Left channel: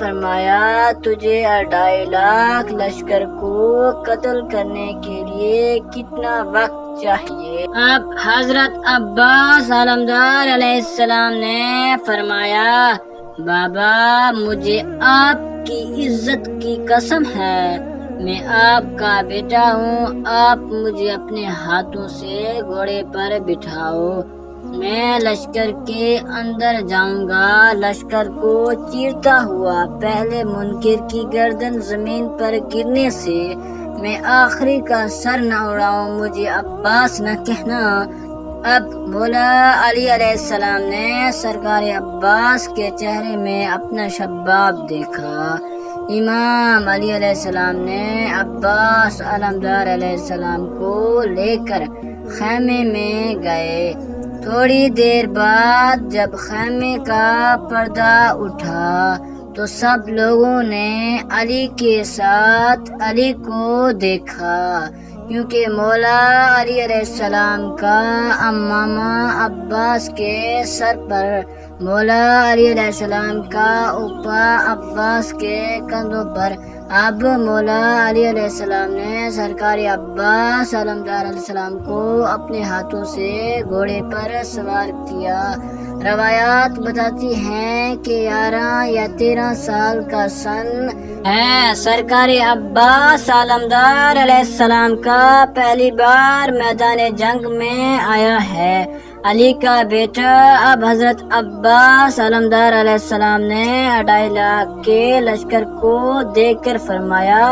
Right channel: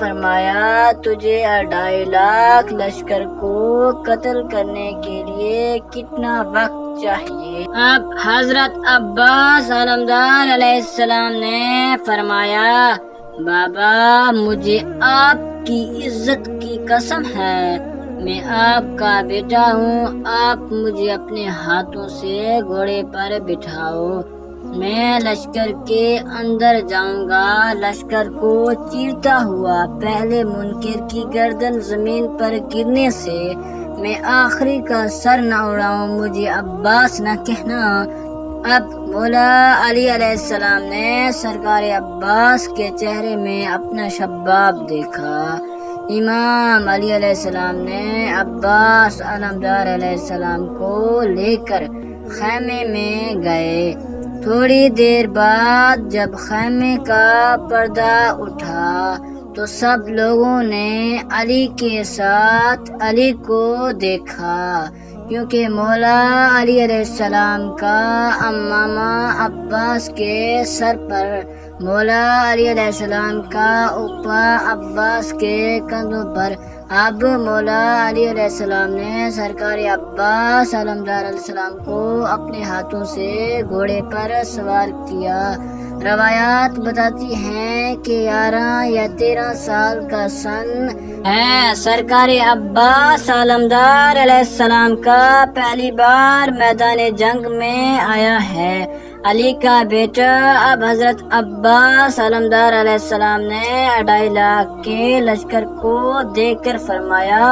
فرمایا تجھے 2.5 لاکھ لشکر کو قتل کرنے کے لیے کتنا وقت چاہیے؟ اب حضرت عباس علمدار علیہ السلام نے فرمایا بابا مجھے آپ کی عزت کی قسم ہے، میں آپ کا بیٹا ہوں، آپ مجھے اپنے ہاتھوں سے گھوڑے پر بٹھاؤ، میں لشکر کے اندر جاؤں گا، لشکر کو چیرتا ہوا پہلے منکر کی گردن زمین پر گرنے سے میں آخری کا سر نہ اڑاؤں، مجھے عباس نہ کہنا۔ اب مولا علی علیہ السلام نے سرکار عباس کے چہرے میں اپنا شباب دیکھا۔ امام علی علیہ السلام نے عباس علمدار علیہ السلام کو لے کر خیمے میں گئے۔ تھوڑی دیر بعد جب خیمے کا پردہ اٹھا تو سب لوگوں نے علی کے ساتھ علی کو دیکھا، کیونکہ مولا علی علیہ السلام کا امامہ عباس کے سر پر، مولا علی علیہ السلام کا اوپا عباس کے کندھوں پر۔ اب مولا علی علیہ السلام نے سرکار عباس علمدار علیہ السلام کو اپنے ہاتھوں سے گھوڑے پر سوار کیا۔ روایات بتاتی ہیں کہ 11 یا 13 سال کا سن ہے سرکار عباس علمدار علیہ السلام کا پہلی بار میدان جنگ میں آیا ہے۔ علی کا بیٹا اب حضرت عباس علمدار علیہ السلام نے 2.5 لاکھ کے لشکر کو دیکھ کر فرمایا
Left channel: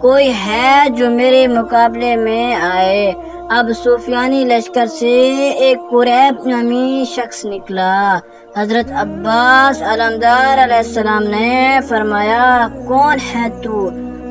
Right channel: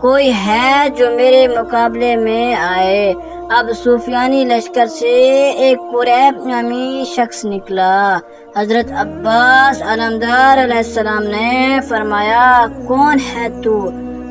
کوئی ہے جو میرے مقابلے میں آئے۔ اب سفیانی لشکر سے ایک قریب نامی شخص نکلا۔ حضرت عباس علمدار علیہ السلام نے فرمایا کون ہے تو؟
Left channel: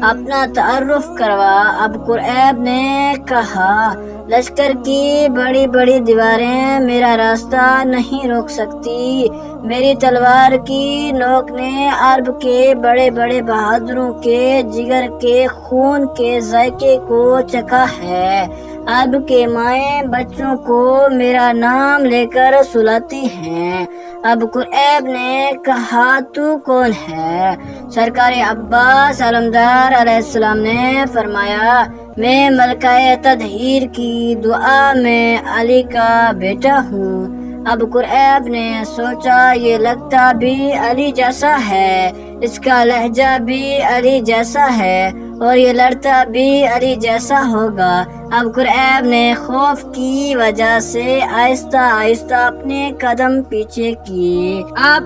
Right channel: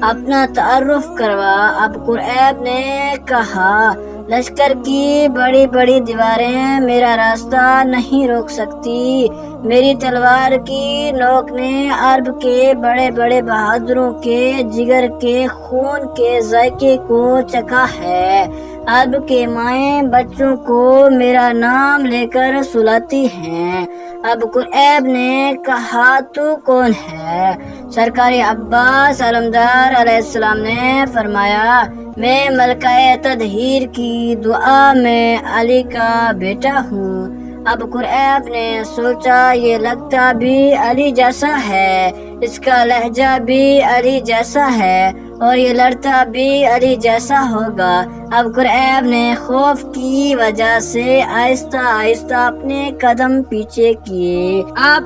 اپنا تعارف کروا۔ اب قریب نے کہا لشکر کی بڑی بڑی دیواریں میرا راستہ نہیں روک سکتی، میری تلوار کی نوک نے عرب کے بڑے بڑے بہادروں کے جگر کے خون کے ذائقے کو چکھا ہے، عرب کے مائیں بچوں کو میرا نام لے کر سلاتی ہیں۔ اب قریب نے کہا تو کون ہے؟ سرکار عباس علمدار علیہ السلام نے فرمایا میں ملکہ تطہیر کی دعا میں علی کا بیٹا ہوں۔ اب قریب نے سوچا یہ لگتا بھی علی جیسا ہے، اس کا لہجہ بھی علی جیسا ہے اور یہ لڑتا بھی علی جیسا ہوگا۔ اب قریب نے خوف کی وجہ سے آہستہ آہستہ اپنے قدم پیچھے کیے۔ اب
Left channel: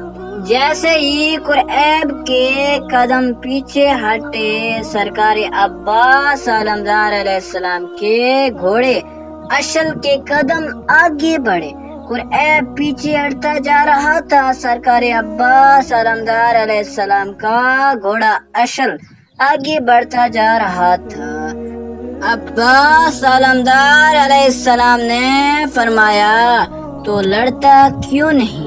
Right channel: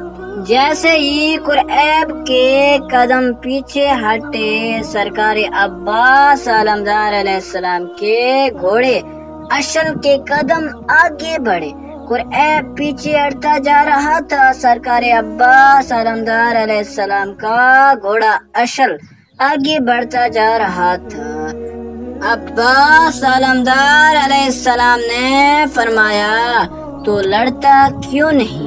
جیسے ہی قریب کے قدم پیچھے ہٹے سرکار عباس علمدار علیہ السلام کے گھوڑے اشل کے قدم آگے بڑھے، قریب پیچھے ہٹتا جا رہا تھا، سرکار عباس علمدار علیہ السلام کا گھوڑا اشل آگے بڑھتا جا رہا تھا۔ عباس علمدار علیہ السلام نے فرمایا تو لڑتا کیوں نہیں؟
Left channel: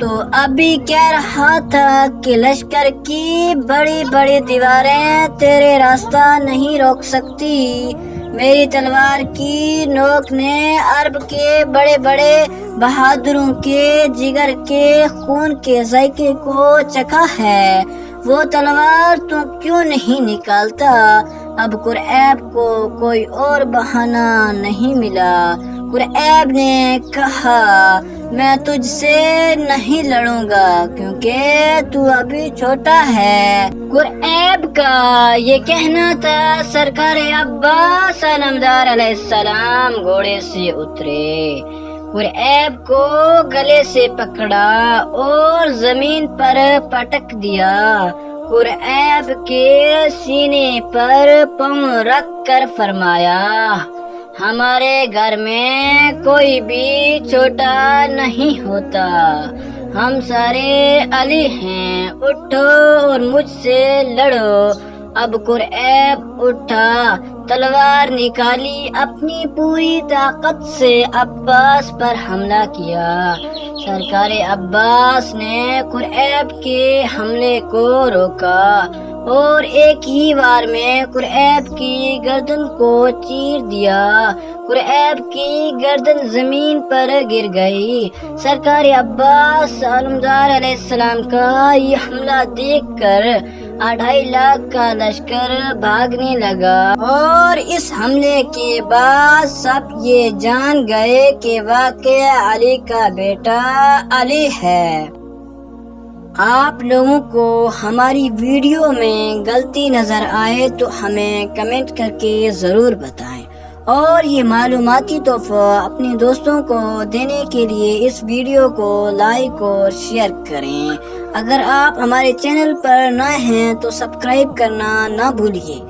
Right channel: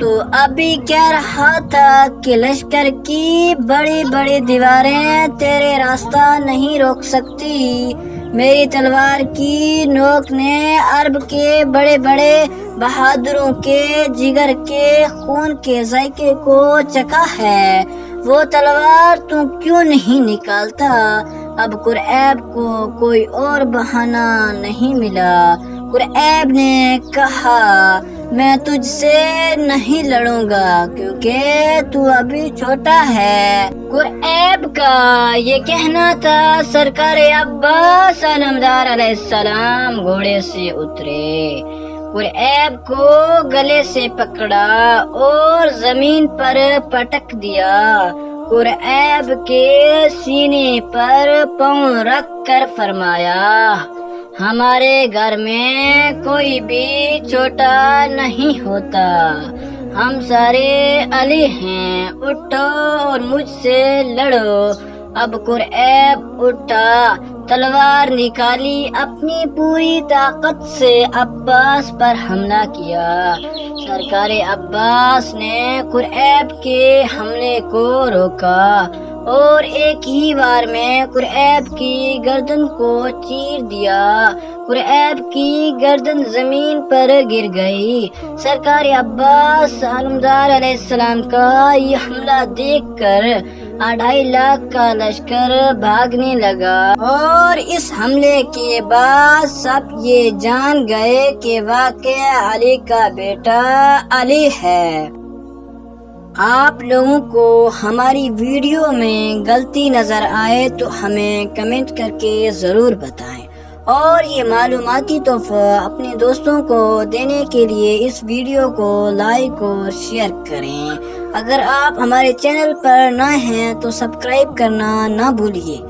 تو ابھی کہہ رہا تھا کہ لشکر کی بڑی بڑی دیواریں تیرے راستہ نہیں روک سکتی، میری تلوار کی نوک نے عرب کے بڑے بڑے بہادروں کے جگر کے خون کے ذائقے کو چکھا ہے، وہ تلوار تو کیوں نہیں نکالتا؟ اب قریب کو کوئی اور بہانہ نہیں ملا۔ قریب نے کہا میں تجھ سے نہیں لڑوں گا کیونکہ تو ابھی چھوٹا ہے۔ قریب کا یہ کہنا تھا۔ سرکار عباس علمدار علیہ السلام گھوڑے سے اترے، قریب کو گلے سے پکڑا اور زمین پر پٹک دیا، قریب کے سینے پر پاؤں رکھ کر فرمایا ہمارے گھر میں کوئی بھی چھوٹا نہیں ہوتا، ہم سارے علی ہیں، اٹھو اور مجھ سے لڑو۔ اب قریب اٹھا، تلوار نکالی، اپنی پوری طاقت سے عباس پر حملہ کیا۔ سرکار عباس نے قریب کے حملے کو روکا اور ایک ہی بار میں قریب کی گردن کو چیر دیا۔ قریب کی گردن زمین پر گر گئی۔ سرکار عباس علمدار علیہ السلام کا یہ حملہ دیکھ کر 2.5 لاکھ کا لشکر بھاگنے لگا، اور اس حملے کے بعد سب یہ جان گئے کہ واقعہ علی کا بیٹا علی ہے۔ آپ لوگوں کو ہماری ویڈیو میں غلطی نظر آئے تو ہمیں کمنٹ کر کے ضرور بتائیں، اور یہ معلوماتی تحفہ اپنے دوستوں کو دینے کے لیے اس ویڈیو کو لائک اور شیئر کریں۔ اگر آپ ہمارے چینل پر نئے ہیں تو سبسکرائب کرنا نہ بھولیے۔